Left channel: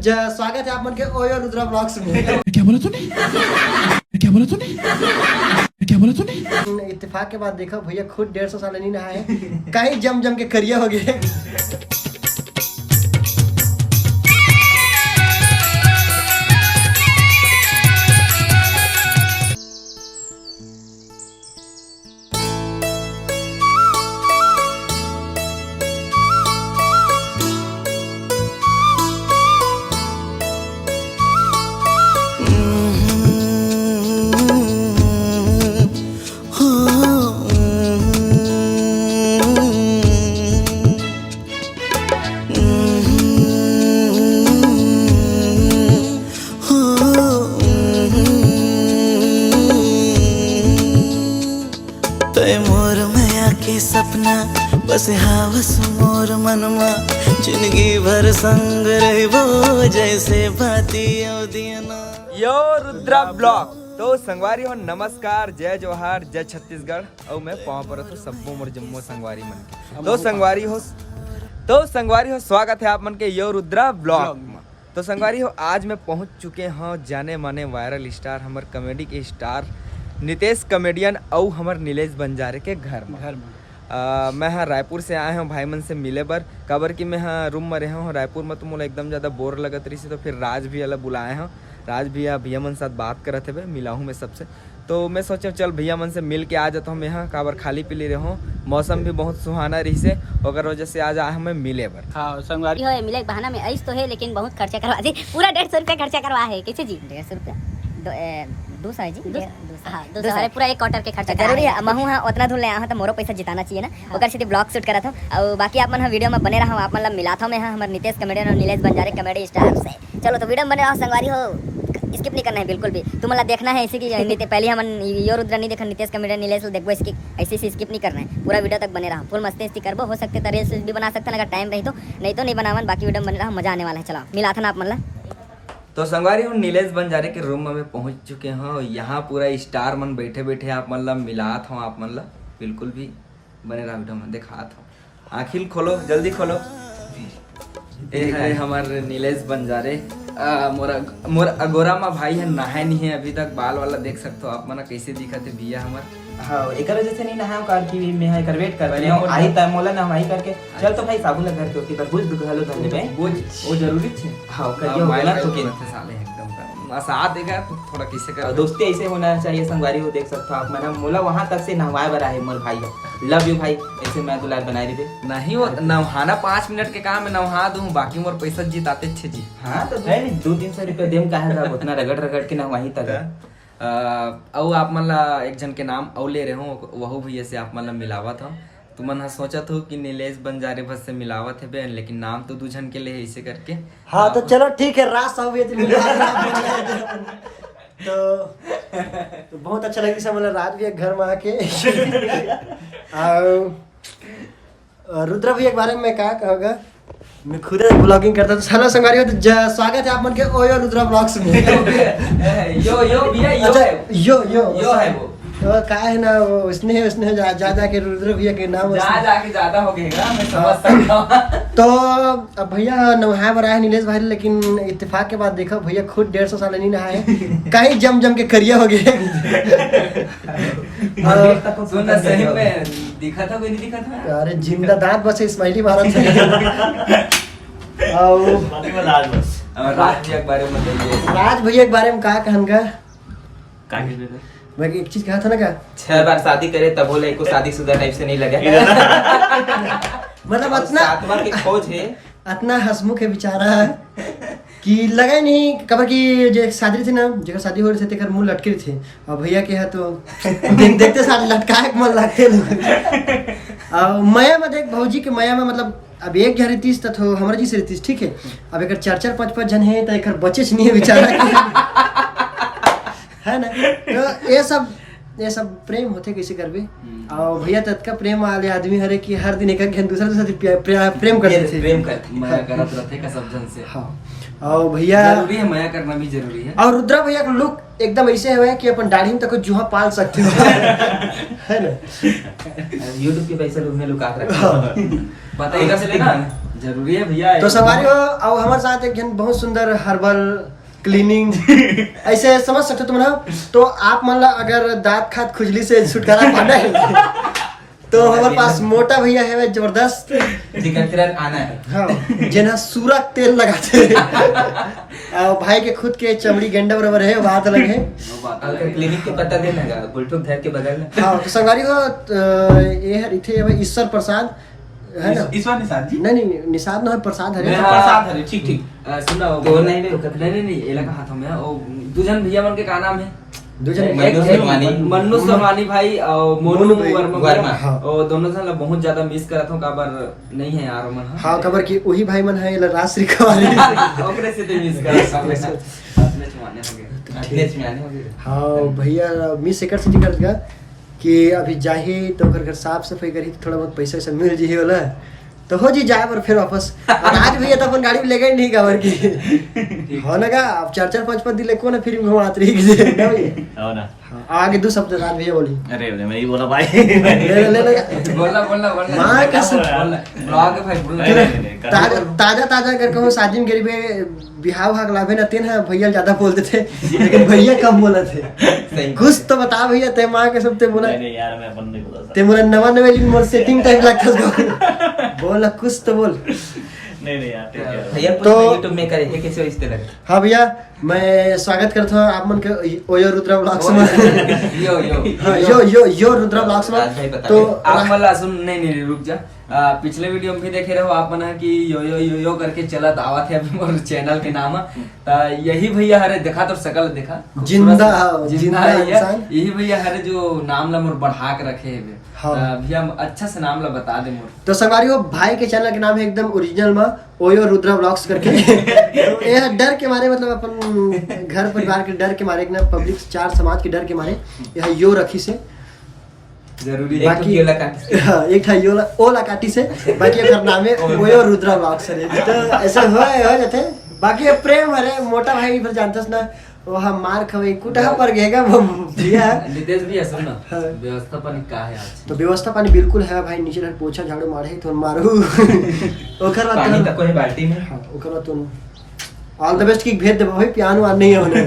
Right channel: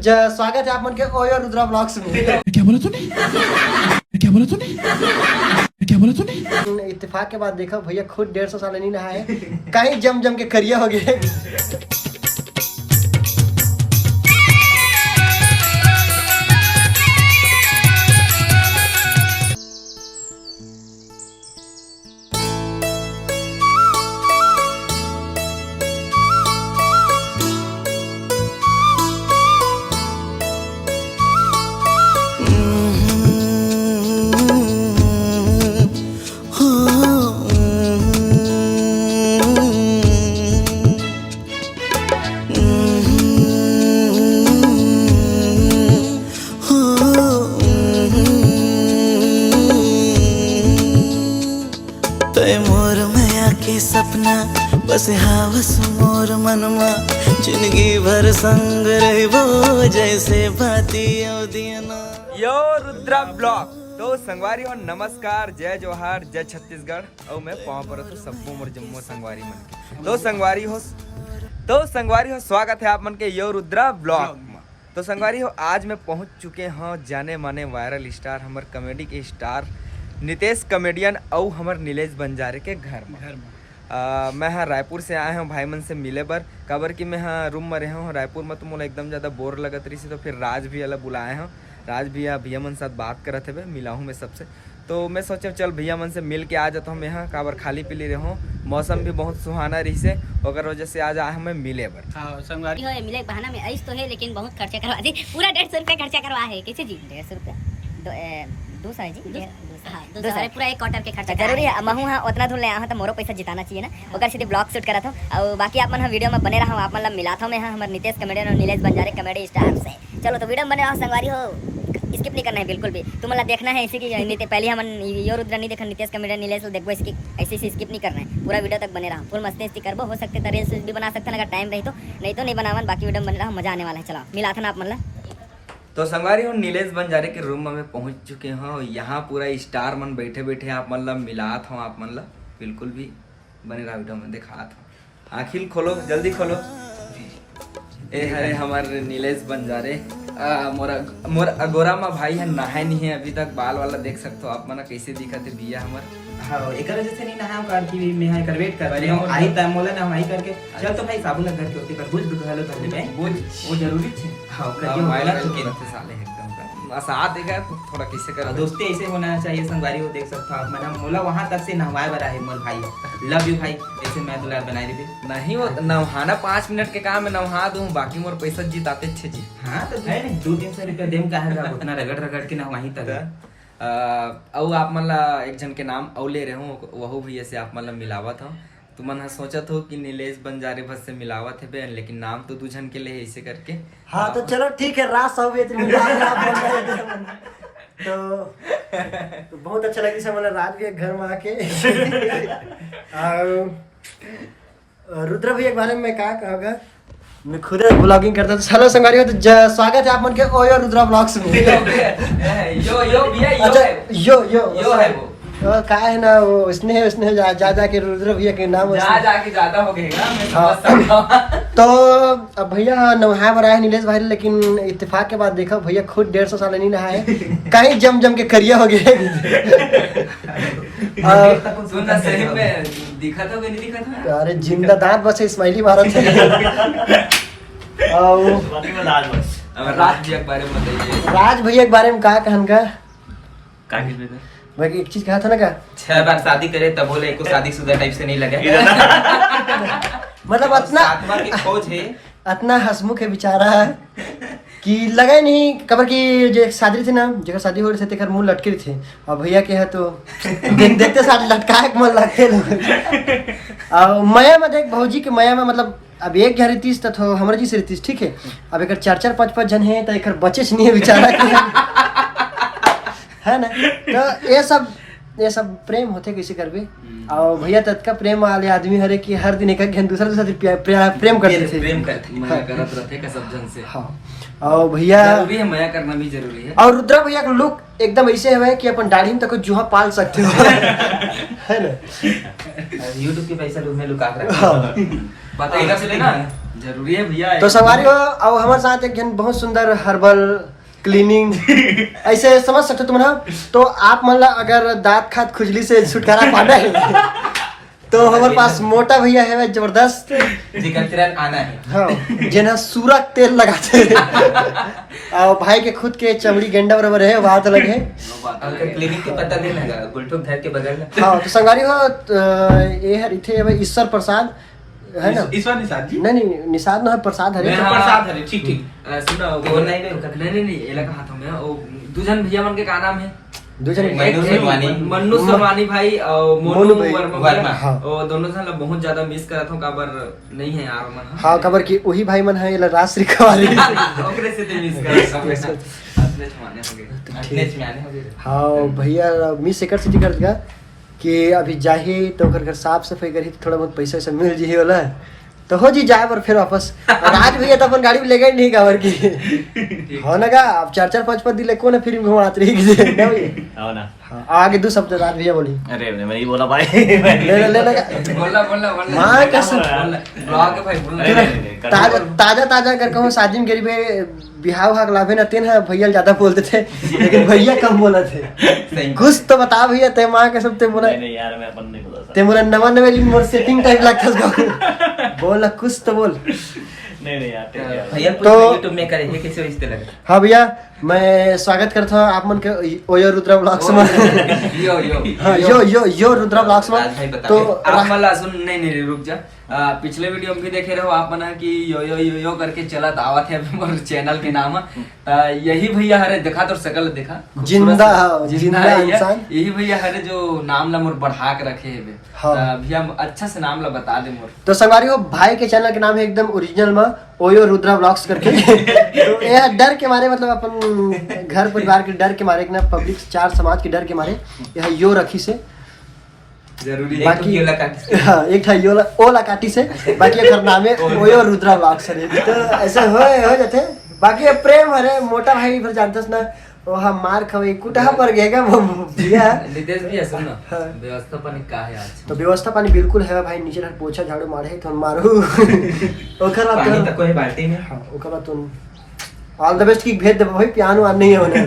स्वागत है आप मन के ओयो रुद्रा ब्लॉग्स में। क्या बोला तूने? क्या बोला तूने? क्या बोला तूने? इत्तेफाक के बाद देखा भैया खुद 150 साल नहीं नहाए, कहीं जम जम के करिया हो गए। मोर माया के सपना बस हावस मोर मनमा जिंदगी भर संग रहबो जैसे बाती दियना। यो रुद्रा ब्लॉग तो संगवारी हो नमस्कार, जय जोहार, जय छत्तीसगढ़। और मैं पाँव पर तो सबो मोर जम्मो संगवारी मन के तो संगवारी हो स्वागत है आप मन के यो रुद्रा ब्लॉग में। तो संगवारी हो आज मैं पहुंच चुके हैं जाने माने वायरल स्टार हमार कॉमेडी के स्टार नितेश कॉमेडियन और हमार नीलेश बंजारे के घर में। मैं हाँ रायपुर से आए हूँ भाई मन से मिले बर काबर कि मैं हाँ रूम में रहे हूँ रायपुर में, तो मुझे एकदम ज़्यादा बोर लगत रही से, तो फिर राज भी अलग बुलाए हैं। राज भैया भैया मन साथ बात करते हुए मिला हूँ मैं सबसे, तो मैं सोचा चल भैया मन से मिल के आ जाता हूँ यहाँ काबर खाली पीली रहे हूँ, मौसम भी बहुत सुहाना रही से, और वजह से आज आए हमें मिले बर। हाँ संगवारी हो मिले बहाना में ऐस तो है, लेकिन बहुत खर्चा करवा जी, पूरा 150 रुपया खर्चा करवा है। कैसे जी 150 रुपया 200 है जी, 200 है पूरा एक क्वार्टर के खर्चा जरूरी है। महू हाँ उतना धुल ले तो मोरो पैसा जिताना चाहिए ना, ओकर सीधे ब्लॉग शूट करा था। और बाकी आप मन वीडियो में बने रहा आप मतलब मिला था मैं हमारे नितेश कॉमेडियन और नीलेश बंजारे कॉमेडी स्टार से। चलो तो वीडियो में बने रहो संगवारी हो, स्किप नहीं करना है बिल्कुल भी। तुम्हारा देखना है इसी की पहले हम यो रुद्रा नहीं देखा नितेश कॉमेडियन नीलेश देखो, इसकी ऐसे से स्किप नहीं करना है, पूरा वीडियो तक बने रहा। फुल मस्ती करबो, हो सकते तो रील्स भी बना सकते हैं अगर टाइम रही तो, नहीं तो नहीं बनावन। बाकी वीडियो में बने रहा, मजा आने वाला है। चलो मिला था ना आप मतलब। तो संगवारी हूँ नीलेश बंजारे के रूम में पहुंच चुके हैं। यहाँ पूरा स्टार मन बैठे बैठे आप मतलब मिलात हूँ, आप मतलब बिल्कुल भी बने रहा वीडियो में दिखात हूँ। आखिर खोलो जल्दी खोलो। ए हरे हमारे नीलेश बंजारे मोर अगोरा में भाई है नहाए नहीं है अभी तक, बाल वाला देख सकते हो आप मना कैसे दिखत है भैया हमार। हाँ एक वजह से नहीं नहा कार की मैं कर वेट कर रही हूं आई टाइम मोला ना हमारी करके चल तो भाई साबुन लगा के होती पर बुझ दुखलो तो हमने भाई वो जरूरी थी। हां कर माइला तो करते साले एकदम का साथ देगा तो थोड़ा कैसे कर दोस्ती ऐसे होना चाहिए। संगवारी हो देख सकते हो आप, मैंने मोला वहां तक से नहवाए बरा है मोर भाई, लव यू भाई। ऐसे मैं दुलार बनाई रही थी नहीं वो नहाना 5 मिनट के काम में नहा दूं, बाकी मोर पैसा जिताते छे जी। हां तो है 2-300 रुपया देम काहे जा उतना रगड़ के नहवाई तक। और आप मतलब एक जन के नाम और ले रहे हो वह भैया से आप मतलब मिलावत हो, तो मन सोचत हो कि नीलेश बंजारे बस से मिलावत है बे, लेकिन नाम तो 2 जन के लिए ऐसे करके। हाँ तो चलो ठीक है, रास सब तो बहुत अच्छा लगी सब मतलब राज भी घर में आके। और रुद्र भी एक बारे में क्या कहूँगा, मैं खुद ब्लॉगिंग करता हूँ। हेलो संगवारी हो, तो स्वागत है आप मन के ओयो रुद्रा ब्लॉग्स में। यो भैया अच्छा यो है वो का है ना, वो उसने जा के रुद्र भैया के नाम जाके ज्यादा हो गएगा, मैं समझ सकता हूं। तो अब भैया नहाए बरा है नीलेश भाई, लेकिन इत्तेफाक के बाद देखा भैया खुद 150 साल नहीं नहाए, कहीं जम जम के करिया हो गए। सुनना सही में दिखा था नहीं दिखा था? अरे जिंदा दांत बसे स्माइली भारत से। राज भैया के बारे में कहा कहन का भाई एक चीज कहा था ना का 6 बार शादी करे तब बोले एको शादीशुदा टाइप से नहीं लगे। मतलब इतना आत्मा की खोज है, इतना हंसमुख है बेचारा कि लगा ही नहीं कबर की जो शादी थी ना, जगह शादी हो रही थी मुंह लटके थे, और भैया के है तो देखते साथ लटका के मन लगते लोग। और मया में देख भौजी के मया में मतलब अब एक घर रितीश तो हमारे जी से रितीश ठीक है, अब एक 4-4 5-5 जन है तो एक बचे नहीं है बेचारा है ना। तो ये सब प्रेम होते किसी कर भी। और भैया तत् का प्रेम वाले आदमी हरे कि हर दिन एक दूसरा प्रेम करते थे, माया करत रहते का सब जन से। हाँ और भैया जरूरी है, माया करना भी जरूरी है। और रुद्रा भैया का लुक एकदम ऐसे है कि अपन दाढ़ी में तक जुहा पाल सकते हो है ना। यूट्यूब के पैसा में लुका कर पता इधर से लेना जरूरी है भैया। तो सवारी हो और हमारे साथ एक जन बहुत सुंदर हर्बल क्लीनिंग ऐसे समझ सकते तुम ना। तो आप मतलब अगर दांत खात खुजली से छुटकारा पाना है तो हमारे पास मोटा भैया है जबरदस्त जिगर आना है। हाँ जिन्हें सूरज तेल लगाते हैं और भाई के खुद के चमड़ी गेंडा बराबर है बात अलग है। अगर क्लिनिक के पता देना है गुलटुक घर के बगल में। हाँ तो संगारी हो ये है इथे ईश्वर प्रसाद है ना। इस बार निसाद जी नहीं निषाद ना है प्रसाद है प्रसाद है ठीक ठीक। सुना नहीं ये लगा हाथों में वो दुजन भैया मन के का नाम है मन्नू सरवानी भाई और मोनू वर्मा और दोनों से बहुत ज्यादा मिस करत हूं काबर नहीं है यार मन। हाँ खबर की वही भाई मन है राजश्री कवाली ओकरे से मिस करत हाँ भैया मिस एकर से कर दिया कि अभी जाही तो घर साफ सफाई करी थोड़ा बहुत पैसा वैसा मिल जी वाला तो हो जी जाए पर फिर वापस आज भैया तो अपन गाड़ी में ले गए नहीं काबर की हो ना का अब 4-5 दिन को ना फिर घुमात रही ना भैया हो ना। आगे 2 सप्ताह बाद भैया बोली अरे मैं ही बोला भाई ले मां कसम ब्लॉग भाई बोल ताजा अगर कहूं शादी में गरीबे बिहाव हाक लाभे ना तेन है भैया ज्यादा बोलते थे लेकिन भैया कम बोला थे। कुछ तो बता भैया ते मां कसम ते बोला नहीं यार मैं अपन नहीं बोला ते बोला नवा मोर सेटिंग टाइप लगता बोला कुछ तो बोल नहीं यार भैया तो YouTube में करे कैसे इस तरह। हाँ भैया मैं स्वागत करता हूँ आप मन के ओयो रुद्रा ब्लॉग्स में यो रुद्रा ब्लॉग्स में। तो आप मला सुन नहीं रुक जा पिछले वीडियो में भी देखे रहो आप मना कि यो करके चलत आवा थे मोर चैनल के नाम यही भैया हरे देखा तो शकल देखा जिंदा इंसान यही भैया हरे जो नाम ला मोर बढ़ा के रखे है भैया अच्छा से नाम ला बता दे मोर। तो संगवारी हो भाई के चैनल के नाम है एकदम ओरिजिनल में ओयो रुद्रा ब्लॉग्स करके तो यह डर के मारे मतलब अपन घर परिवार के डर के मारे ना पब्लिक 4 समाज के डर के मारे यह यो रखी से जरूरी बाकी एक था यो ओला काटी से बाकी अगर नाम है ओयो रुद्रा ब्लॉग्स तो ऐसा हो जाते। बाकी प्रेम हरे मोटा भाई फिर जानते ना वो हम मार खवे कुटा पर गएगा भैया नितेश भी सुन ना व्यवस्था पानी का है आज तो व्यवस्था पानी बिल्कुल है भाई नीचे पोछा झाड़ू मारे तो मारू ओकर बाद पानी तक कोई बाल्टी में। हां ओकर बाद तुम ऑल द बेस्ट की भेज दे भाई पियानो आन नहीं होने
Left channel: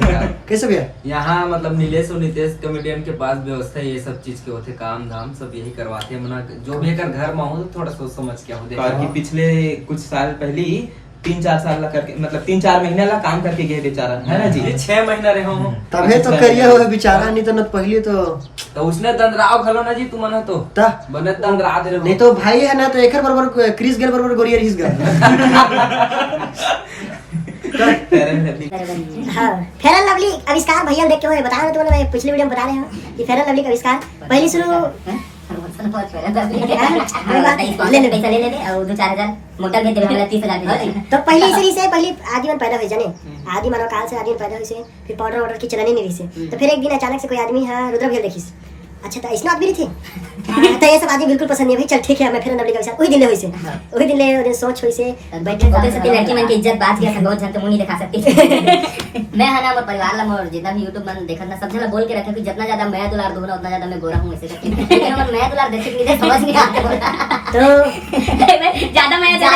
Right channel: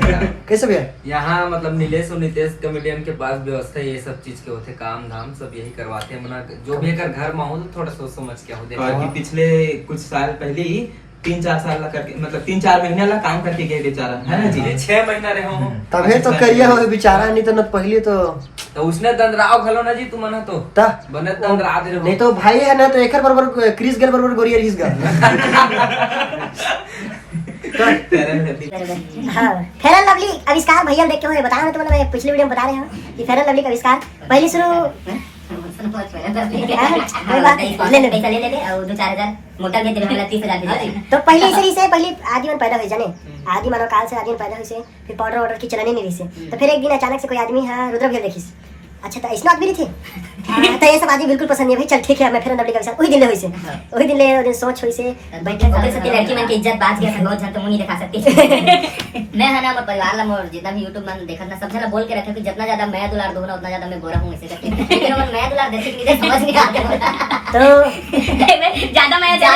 कैसे भैया यहाँ मतलब नीलेश और नितेश कॉमेडियन के पास व्यवस्था ये सब चीज के होते काम धाम सब यही करवाते हैं मना जो भी अगर घर में हो तो थोड़ा सोच समझ के हो देखा कि पिछले कुछ साल पहले ही 3-4 साल ला करके मतलब 3-4 महीना ला काम करके गए बेचारा है ना जी 6 महीना रहे हो तबे तो करिए हो बेचारा नहीं तो न पहले तो उसने दंदराव खलो ना जी तू मना तो ता बने दंदरा दे नहीं तो भाई है ना तो एकर बराबर क्रिस गेल बराबर गोरियर हिस गल हाँ फेयर एंड लवली आविष्कार भैया देख के हुए बता रहे तो मैं पिछले वीडियो में बता रहे हूँ कि फेयर एंड लवली का आविष्कार पहली शुरू ले पैसा ले और 2-4 हजार मोटर में 30,000 तो पहली सरी से पहली आदीवन पैदा हुई जाने आदि मानव काल से आदीवन पैदा हुई से फिर पाउडर वाटर की चलने नहीं रही से तो फिर एक दिन अचानक से कोई आदमी हाँ रुद्र भैया देखिस अच्छा तो इसमें आदमी थी तो ये सब आदमी बिल्कुल पसंद नहीं भाई चल ठीक है मैं फिर नबली का विचार वही दिन ले हुई से वही दिन ले दिन सोच हुई से बैठे ओकरे से लड़की मन की इज्जत बात गया बहुत झट मुंह नहीं दिखा सकती मैं है ना मोर परिवार ला मोर जितना भी YouTube मन देखत ना सब जला बोल के रखे कि जितना ज्यादा मैं दुलार दूंगा उतना ज्यादा मैं गोरा हूं ऐसे करके लेकिन मैं दुलार देखे कि समझ नहीं आता तो ज्यादा मैं देवा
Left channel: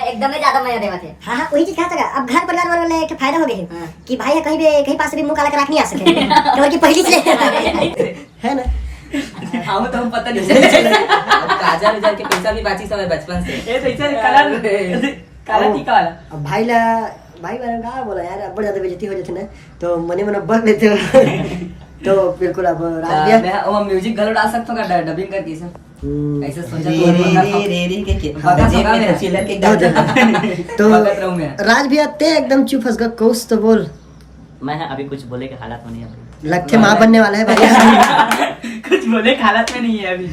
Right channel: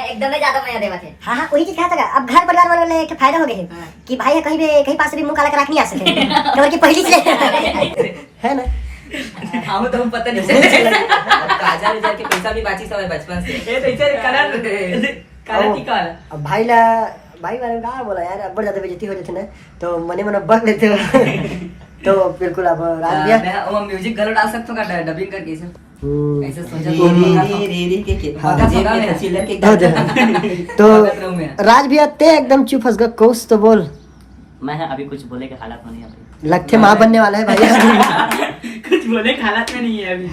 एकदम ज्यादा मैं देवा थे हां वही चीज कहता अब घर परिवार वाले एक फायदा हो गए कि भाई कहीं पास भी मुंह काला करा नहीं आ सके क्योंकि की पहली से है ना हाँ तो हम पता नहीं काजल उजल के पैसा भी बाची सब बचपन से कलर की काला अब भाई वाले का बोला यार अब ज्यादा बेइज्जती हो जाती ना तो मने मने बक लेते हो तो बिल्कुल अब रात दिया मैं वो म्यूजिक गलो डाल सकता हूं का डबिंग करके सर ऐसे सोचा तो राज भैया ते एकदम चुप फंस गया कोस तो बोल मैं अभी कुछ बोले के हालात में नहीं है भाई लगते मां बनने वाला है भाई कुछ बोले के हालात में नहीं है अभी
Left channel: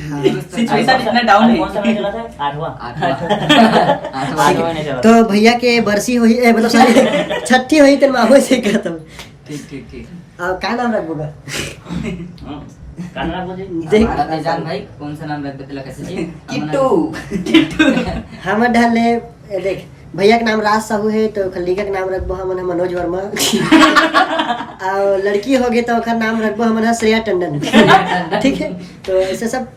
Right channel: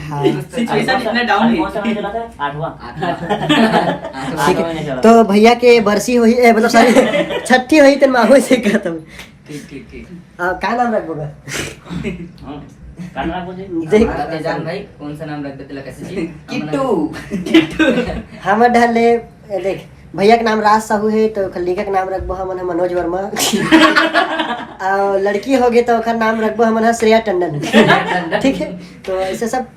सिचुएशन इतना डाउन है कौन सा मैच चला था 8वां मैंने चला तो भैया के बरसी हुई मतलब सॉरी छठी हुई तो माहो से खत्म ठीक का नाम रखोगा काना बोले जान भाई कौन सा नाम रख देला कैसे जी किट्टू हम ढाले देख भैया का नाम राज साहू है तो खलीका का नाम रखबो हमन मनोज वर्मा और लड़की होगी तो ओकर नाम रखबो हमन श्रेया टंडन ठीक है तो ऐसे सब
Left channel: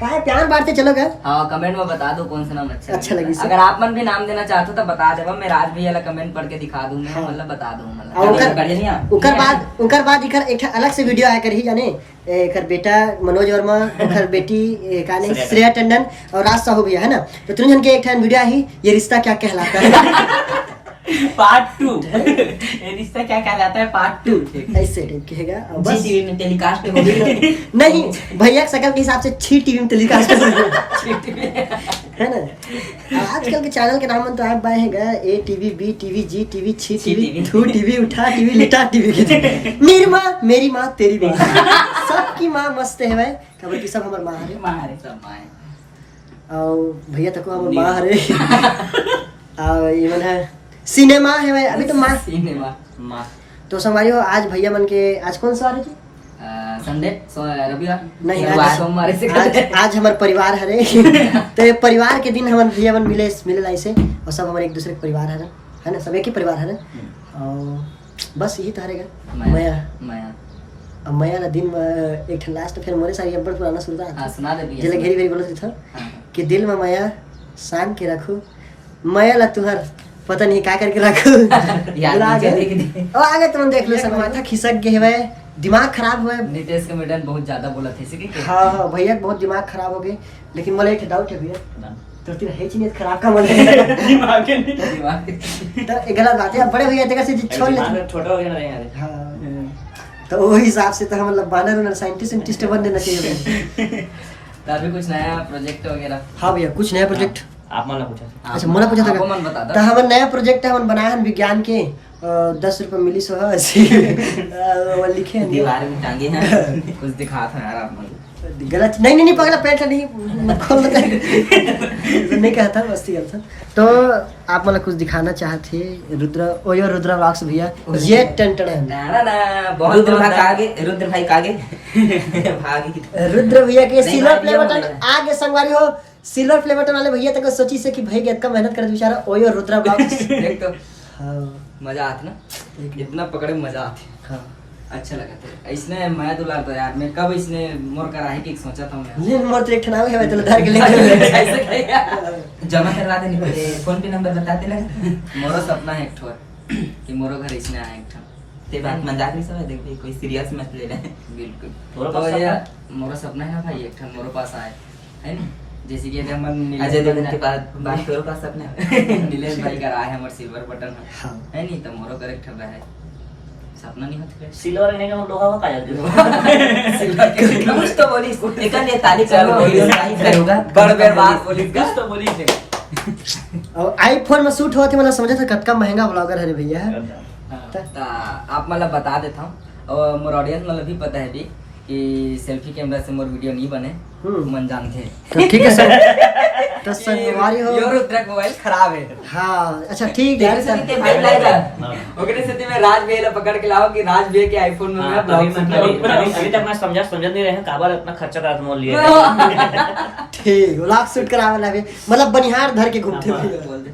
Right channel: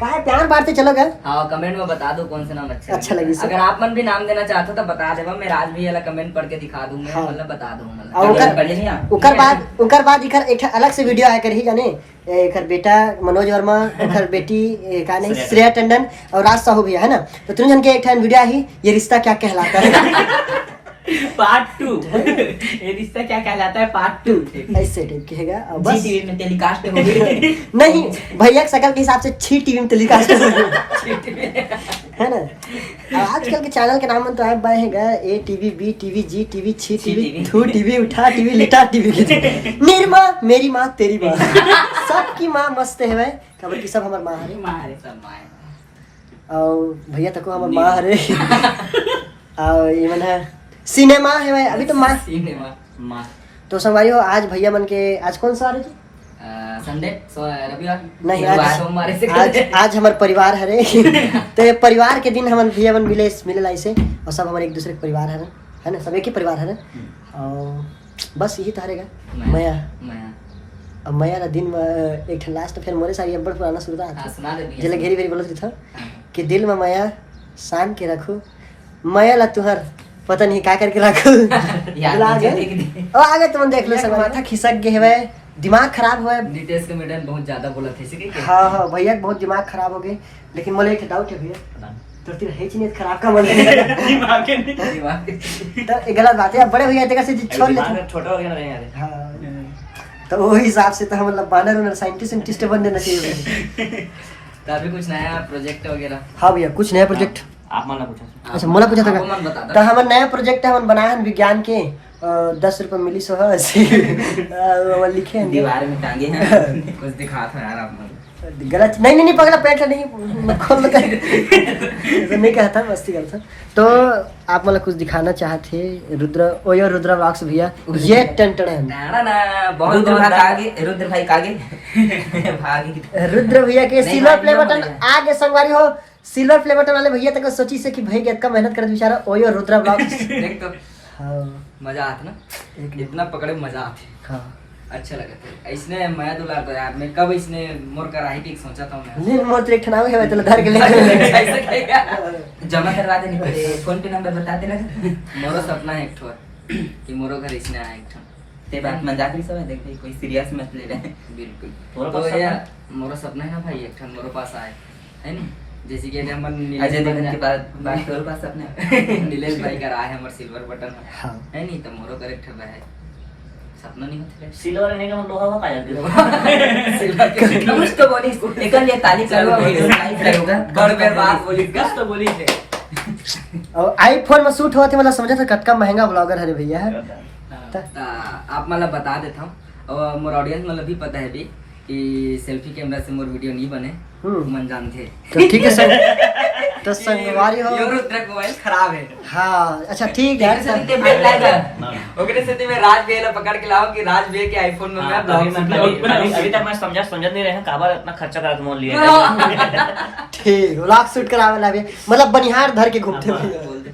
कहा प्यार बांटते चलो गए। हाँ कमेंट में बता दो कौन सा नाम अच्छा लगी से। अगर आप मन भी नाम देना चाहते हो तो बता देवा, मैं राज भैया ला कमेंट पढ़ के दिखा दूंगा। हाँ। मतलब बता दूं और मतलब उनकर बाद इकर एक अलग से वीडियो आया करही जाने, एकर बेटा मनोज वर्मा, एकर बेटी का ने श्रेया टंडन और राज साहू भैया है ना, तो तुम जन के एक वीडियो आई, ये रिश्ता क्या कहलाता है पार्ट 2 ये रिश्ता क्या कहलाता है पार्ट 2 ऐसे टाइप की हैगा। और बस जी में टेलीकास्ट हो गई। नहीं भैया की शकल के हिसाब से छी टीवी में टेलीकास्ट है ना। और आजकल के चैनल के नाम तो आप है ए टीवी, बी टीवी, जी टीवी, छी टीवी, थू टीवी, उठा टीवी, लिटा टीवी, मेरी माँ, मेरी माँ, तेरी माँ, सबकी माँ मस्त है भाई। खबर की सब हमार माँ है, सब माँ और भैया तक हमार माँ है। और ये मन है सिनेमा है भाई, अभी तो माँ माँ तो संगवारी हो। आज भैया मन के आज कौन सा आ रही थी? संडे रविवार नहीं सोमवार से आज हमारे परिवार हरे तो ये परिवार के दिन हम भैया बन मिले ऐसे, और सब हमारे एक दूसरे के परिवार है ना, सब एक ही परिवार है। और बस यही तो हरेगा मया अब मया ना दिन में एक लास्ट फिर मोरे सारी बड़ पुराना सुनता सुना दे जिला घेरी घेरी बोलती था कि दिल में मया सान के रखू, मया ला तुहर पता नहीं क्या करके रखू आगे तुम देख लो सब माथा खिसक गए हुए, दिमाग खराब हुआ है। नितेश कमेडियन बहुत ज्यादा बोला थे इसी के। हाँ हाँ भैया बहुत दिमाग खराब हो गए, लेकिन मुझे एक डाउट है भैया तो तेरा है नहीं खराब का मन तो गलत बात है। बड़े भैया देखा से छोड़ ले छोटा हो गया ना यार। हाँ तो वो हिसाब से तो हम मतलब बानर साइंटिस्ट बन देना चाहिए। तो अभी कुछ नया प्रोजेक्ट वगैरह? हाँ भैया कुछ नया प्रोजेक्ट आप मन पूछा। अच्छा मोला पूछा आपको मन बता था दो। तो हमारा नया प्रोजेक्ट है, हम बनाए हैं विज्ञान के 10 रुपए मिली सो है लिखे हैं दीवार में टांगे हैं कुछ दिखा था यार आप मुझे। गलत नहीं पकड़ा पैंट नहीं खोल तो नहीं कहता मस्ती करता। तो आप मतलब कुछ दिखाना चाहते रुद्र व्लॉग्स भैया ये टेंटन ना बहुत रुद्र भाई कागे भागी रुद्र भैया के नहीं, सिल्वर भाई, प्ले नहीं, बटन नहीं। आगे संगवारी हो, सिल्वर प्ले बटन वाले भैया तक सोची से कि भाई इतना मेहनत कर बेचारा ओयो रुद्र व्लॉग्स देख तो हाँ मजा आती ना, इतना पकड़े मजा आती। हाँ अच्छा लगा था इसने मैं दुलार तो यार मैं कब इसने मोर कराही की सोचा था मैं ले मोर तो एक ठनाव है तो धर के ले जमा करवा दे फोन पे नंबर बताते लगा। मोरो सपना है एक ठोर कि मोरो घर इसने आया एक ठन ते बात मजाक नहीं समझ देख भाई कोई सीरियस मत ले ले। बिल्कुल तो ये मोरो सपना है भाई एक ठन मोरो पास आए है नी, जैसे कि हम अजय देवगन के बाद तोरे पास सपना है नीलेश भाई का रहा है हमारे सिल्वर बटन है नी, तो मोरो कर एक ठन है सपना नहीं होते सिल्वर नहीं हम लोहा का यार सिल्वर के कुछ तो बोली एकन ये ताली करो करूंगा कर के बात बोली कुछ तो बोली है। और आईफोन में शूट हुआ थे मतलब समझा था कतका महंगा ब्लॉगर है रे भैया है। ता आप मतलब बता देता हूँ और मोर ऑडियंस मतलब भी पता है भी कि सेल्फी कैमरा से मोर वीडियो नहीं बने मन जानते तो ठीक है सर तो संगवारी हो रुद्र मोबाइल खराब है। हाँ अच्छा ठीक है ओकरे से मैं राज भैया पकड़ के लाओ कि राज भैया के आईफोन में मैं ब्लॉग अभी तक मैं समझ नहीं रहे काबर इतना खर्चा करा मोल लिए ठीक व्लॉग शूट करावे लागे मतलब बनिहार धर के घूमते हुए।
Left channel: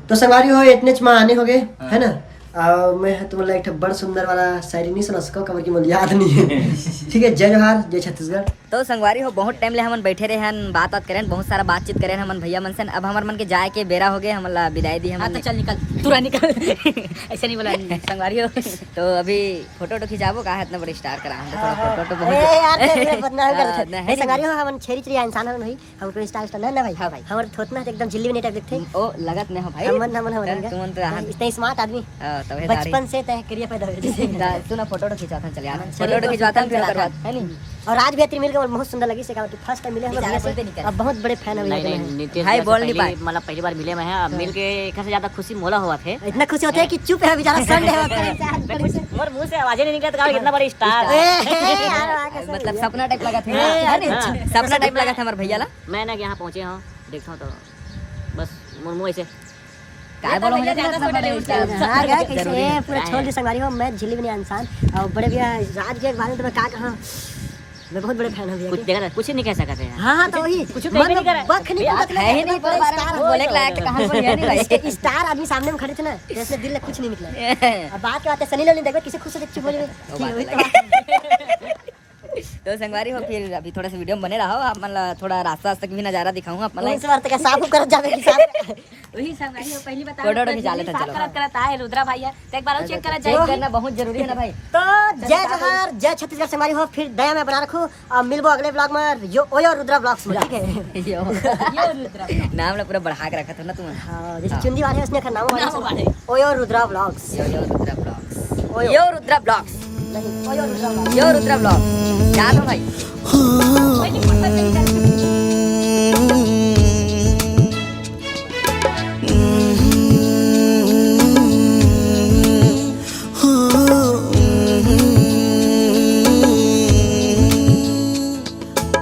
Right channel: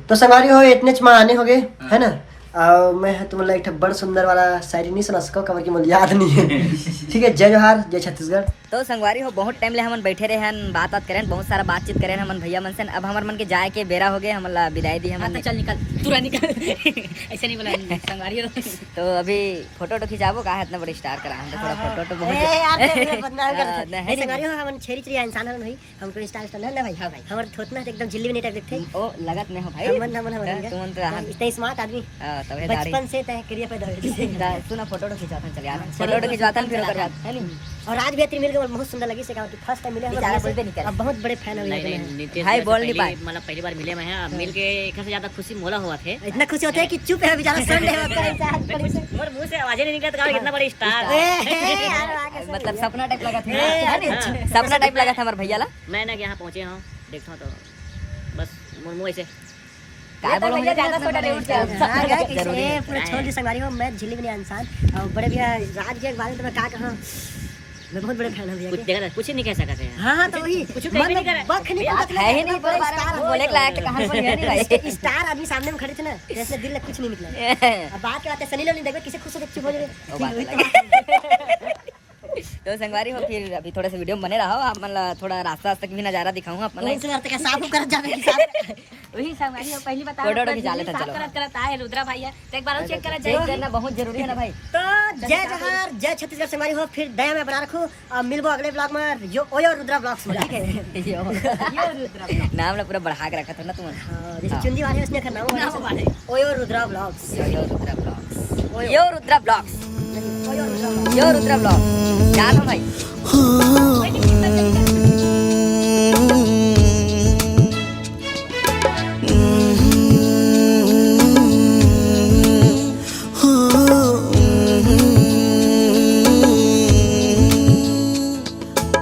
तो संगवारी हो इतने च में आने हो गए है ना। मैं तुम्हारा एक बड़ सुंदर वाला शायरी नहीं सुना सको कमर की मुझे याद नहीं है। ठीक है जय जोहार जय छत्तीसगढ़। तो संगवारी हो बहुत टाइम ले हमन बैठे रहे हन बात करें बहुत सारा बातचीत करें हमन भैया मन से। अब हमार मन के जाए के बेरा हो गए हमला विदाई दी हम चल निकल तुरंत निकल ऐसे नहीं बोला संगवारी हो। तो अभी फोटो तो खिंचाबो का इतना बड़ा स्टार करा हम थोड़ा फोटो तो बहुत हम छेरी चिड़िया इंसान है नहीं हम तो स्टार स्टार ना भाई। हां भाई हमारे थोतना एकदम जिल्ली में नेटक दिखते ओ लगत नहीं हो भाई हम तुमन तो इतने स्मार्ट आदमी तबे बचपन से तय करिए पैदा हुए सुना फोटो तो खिंचाता चल यार फोटो तो खिंचवाता फिर ओकर बाद है नहीं। और आज भी तेरी मिल के बहुत सुंदर लगी से कि फर्स्ट टाइम मिले हम भैया से अब बहुत बड़े फैन है भाई बोल नहीं पाए मतलब पहली बार मिले मैं मिल के एक से ज्यादा खुशी मोला हुआ थे। इतना खुशी होता है कि चुप है बेचारा संडे है और मुंह से आवाजें नहीं निकलती कितना बड़ी स्टार मतलब सपना टाइप लगा था सपना टाइप लगा था हमारे भैया ला। मैं ना यहाँ पहुंचे हूँ देखता हूँ तो बस मुंह ऐसे काय बोलो हो जाता है इतना बड़े स्टार जरूरी है पूरा छोड़ दी संगवारी हो। मैं झिल्ली बनी इंसान और बड़े भैया राज के बारे में तो मैं क्या कहा मैं बहुत बड़े फैन हूं भैया कुछ देखा कुछ नहीं कह सकते हैं। हां तो वही कुछ बख नहीं पता है ही नहीं पर बारे में बोले के लायक कहां पर है नहीं भाई स्टार आदमी सामने में खड़े थे ना जैसे दिल में कुछ नहीं निकला। अब बात क्या बात है सनी लियोनी देखो किसे खुश से देख चुप हो जाए। तो संगवारी हो फिर अभी थोड़ा सा वीडियो में बने रहो आप मतलब थोड़ा रास्ता तक भी नजारा दिखाऊंगा अपना इस बार तक साफ कर जावे की साफ वही संगवारी हो पहली बता फोटो खिंचा लेते हैं, चलो। करत आए रुद्रा भैया तो एक बार और चेक करा चेक करना बहुत जरूरी है ना भाई। तो जय जहार जय छत्तीसगढ़ संगवारी हो फिर दया में बना रखो और मिलबो अगले ब्लॉग में यो ओयो रुद्रा ब्लॉग्स में, ठीक है। यो नाम ना पूरा बढ़ा के रखा था ना तुम। हां जैसे चुंदी वाले उसने का नाम वाले ओयो रुद्रा ब्लॉग्स यो रुद्रा ब्लॉग्स यो रुद्रा ब्लॉग्स यो रुद्रा ब्लॉग्स जानो भाई।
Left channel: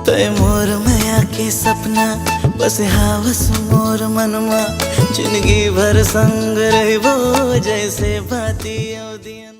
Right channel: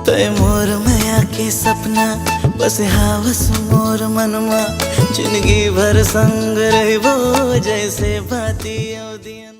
तय मोर माया के सपना बस हावस मोर मनमा जिंदगी भर संग रहबो जैसे बाती औदियन।